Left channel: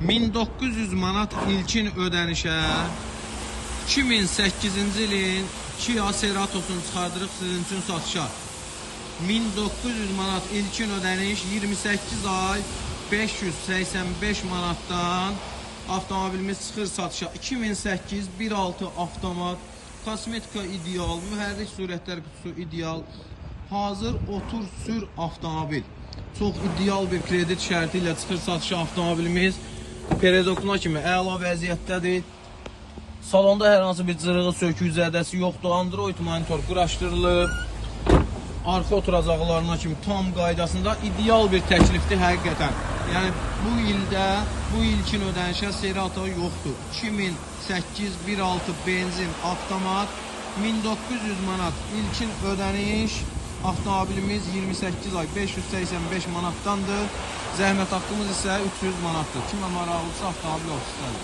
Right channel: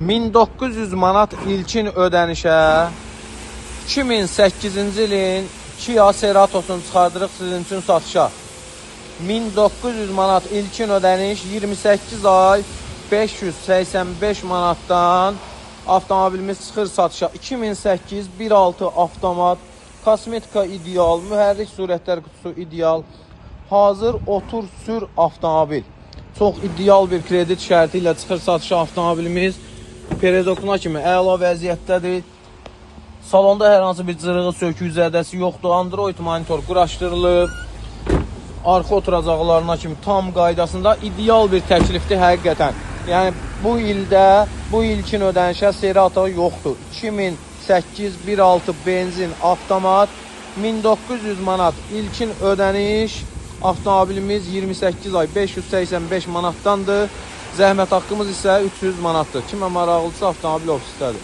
1900 manat ilkin ödənişə 2008-ci ilin Kia Ceratos'unu çıxardırıq sizin üçün satışa. 1900 manat ilkin ödəniş 28 ay 585 manatdan avtomobilimiz çıxır satışa. 2008 1.6 avtomat, kosmetika ideal, mühərrik surətlər qutusu ideal, hazır otur sür avtomobil. Çox ideal bir kredit şərti ilə çıxır satışa avtomobilimiz. Peredokuna kimi əla vəziyyətdədir. Salonda hər hansı bir cırığı, sökük, zədəsi yoxdur. Android monitor quraşdırılıb. Arxa oturacaqlarına kimi tam qaydasında ideal bir təklifdir həqiqətən. Yəni bu ildə, bu ilkin ödənişə Cerato yoxdur. 2008 1.6 benzin avtomat 1900 manat ilkin ödəniş. Avtomobilimiz 28 ay 585 manatdandır. Zəhmət haqqımız isə 300 manatdır. Kimə maraqlısı avtomobil ofisdədir.